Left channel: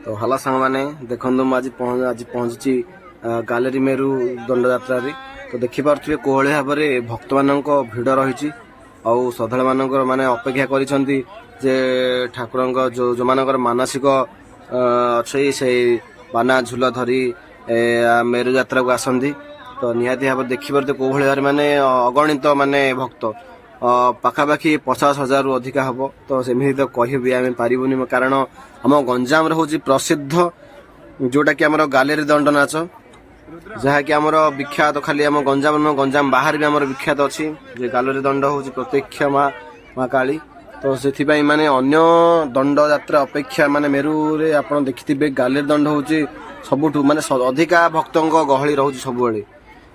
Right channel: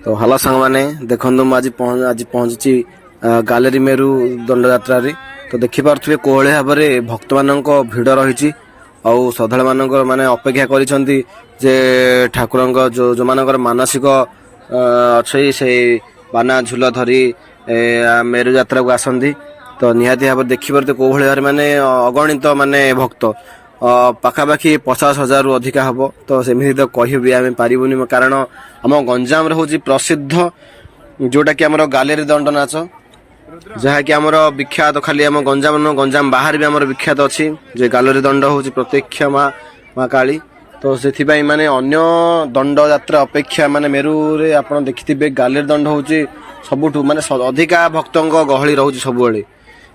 तो हलो सांग मैंने देखो आज पहुंची गालेरी मेरु दंड यात्रा रे। तो देखिपे कोहली भाव में भक्त मान भिड़ रही श्रद्धा मान माने अपेक्षा करिसेंती जे ठाकुर जो जो मानकर मानसिक अच्छे से बाना झूल धरी मेरु यात्रा को आसती। तो निहाती भाव देखिपे कोहली भाव माने अगणित माने भक्त पाखापाखि 50,000 रु अधिका हम। तो सेमती तो कहि आम पारूनी कारण आम गंजाम हूँ प्रसिद्ध जोटा कि आमर गालेरी दंड नाच जहाँकि आमर विख्यात खाली आम गंजाम बाहर भी आमर विख्यात अच्छी जे गालेरी दंड हूँ प्रत्यक्ष माँ काली। तो से माने अन्य दंड यात्रा अपेक्षा माने मेरु रे आप देखिथे गालेरी दंड हूँ सबुठ माने अधिका भक्तों गहली रोचे सब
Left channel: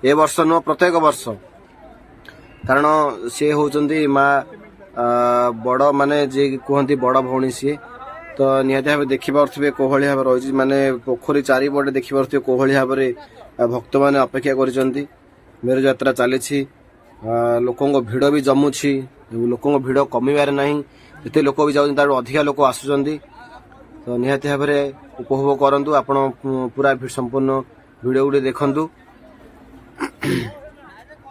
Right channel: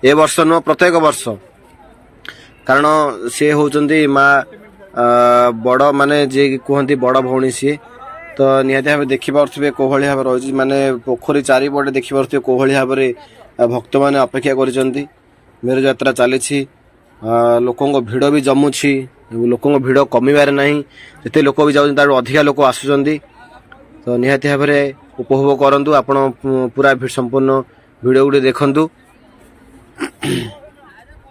ए वर्ष नुह प्रत्येक वर्ष कारण सी होती माँ बड़ माने जे कहते बड़ भौणी सी। तो निहाती भाव देखिपे कोहली भाव रही माने पोखरी चारिपटे देखिपे कोहली भाव में भक्त मैंने अपेक्षा कर मेरु यात्रा चली लोकों भिड़ भी जमुची लोकों भिड़ कमिबार नहीं जिते लोक भी जाऊँ अधिका लोक आसुँच। तो निहाती भाव में उपभोग करूँ आपण पूरा संपूर्ण भिड गुड़े देखु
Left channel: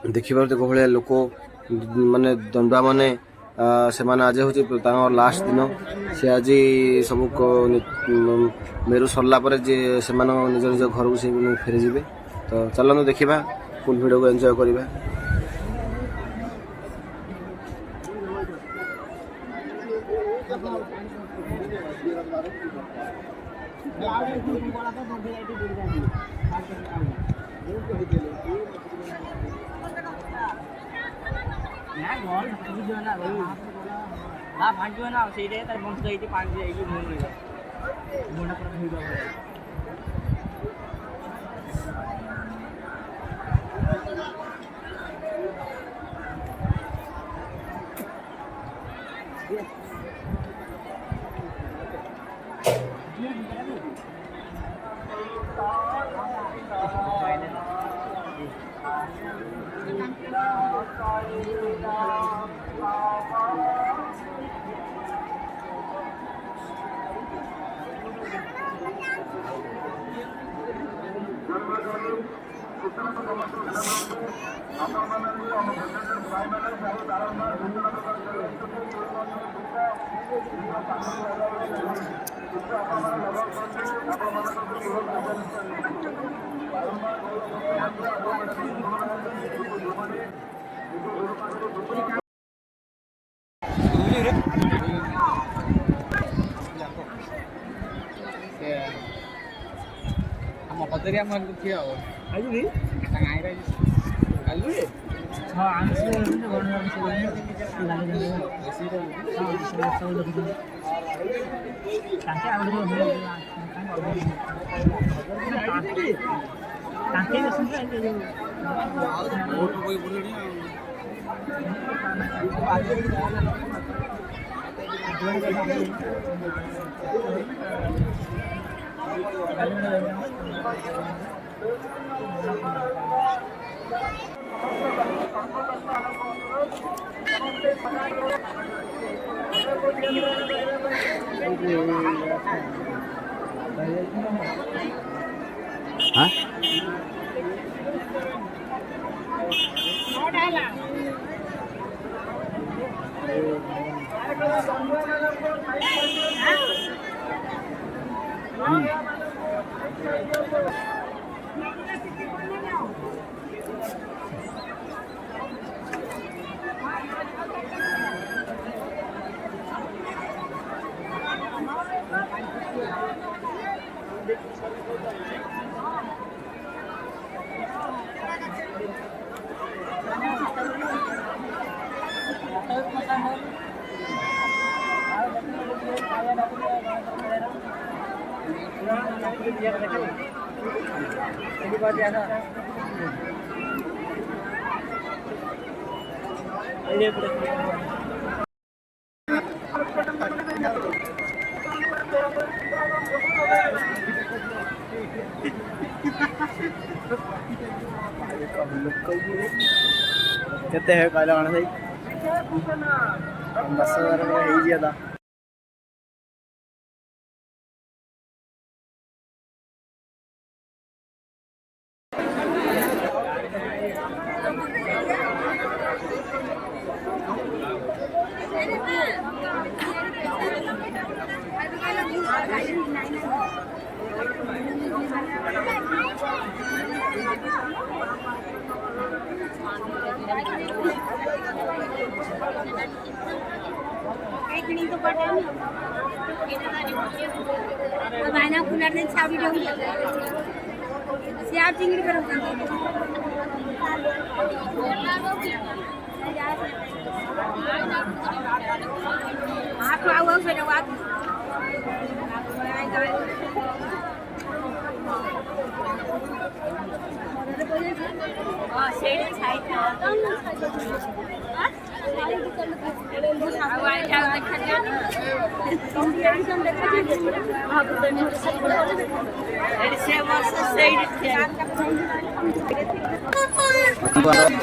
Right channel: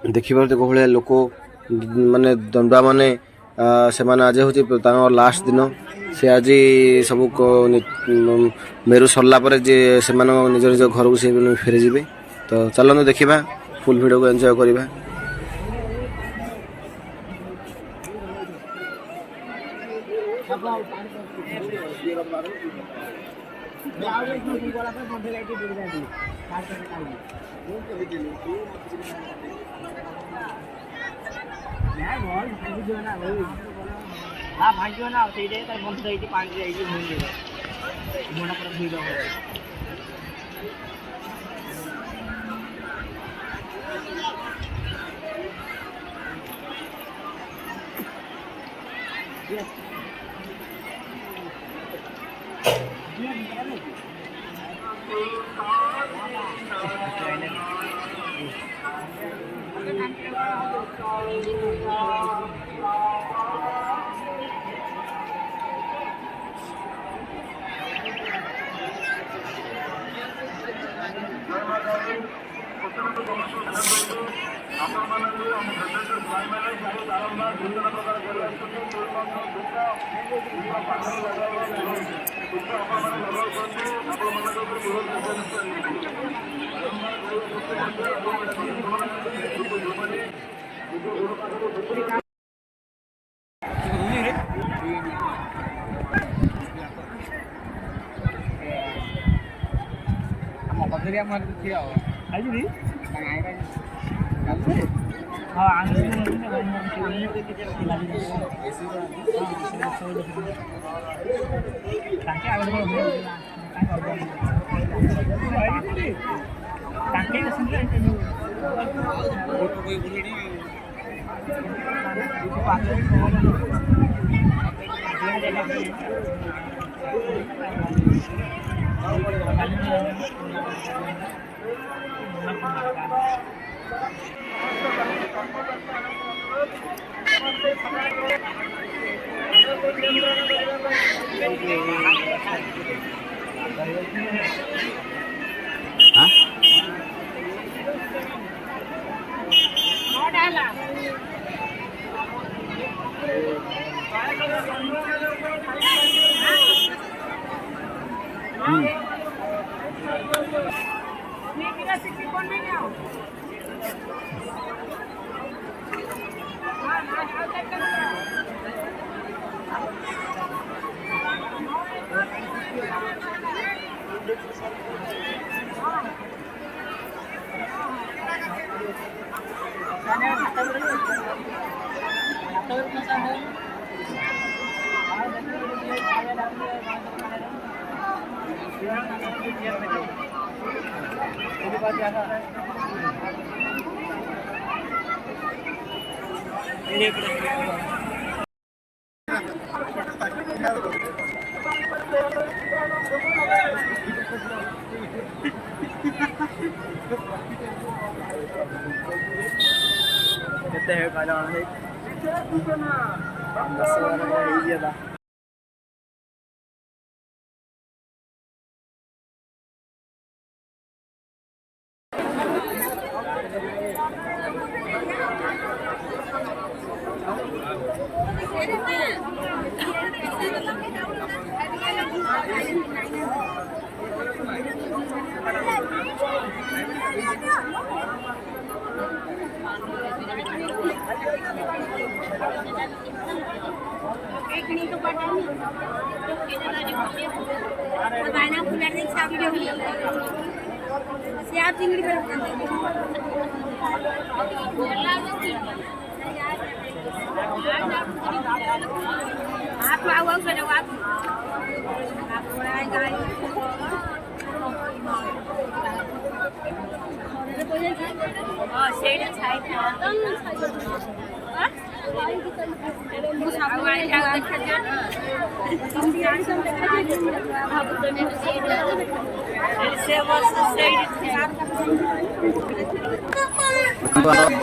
देखिपे कोहलिया लोक माने दंडुआ माने से आज हूँ लास्ट दिन से आज सब मेरु सरला जे से निज निज घर को से फेरी जी। तो चलते देखा फुल भिड को एंजॉय करवा। କେତେ କହିଲା କଣ ସେଇ 10,000 ହେଇଯିବ।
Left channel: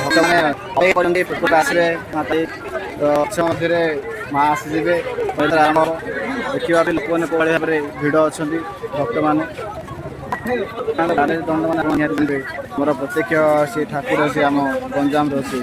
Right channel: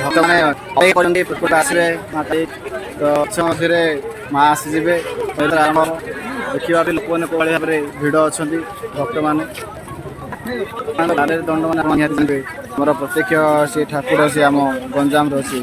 ଭକ୍ତମାନେ ଆସିଲେ ମାତା ତ ମଧ୍ୟରେ ମା ଆସିଯିବେ ଆରମ୍ଭ ଦେଖିବା ପାଇଁ ଲୋକମାନେ କୋଭଳି ଭାବରେ ଭିଡ଼ ଅଛନ୍ତି ଭକ୍ତମାନେ ଦଣ୍ଡମାନେ ନିହାତି ଯିବେ ଆମର ପ୍ରତ୍ୟକ୍ଷ ସେ ଠାକୁର ସେ ଆମ ଗଞ୍ଜାମର ସେ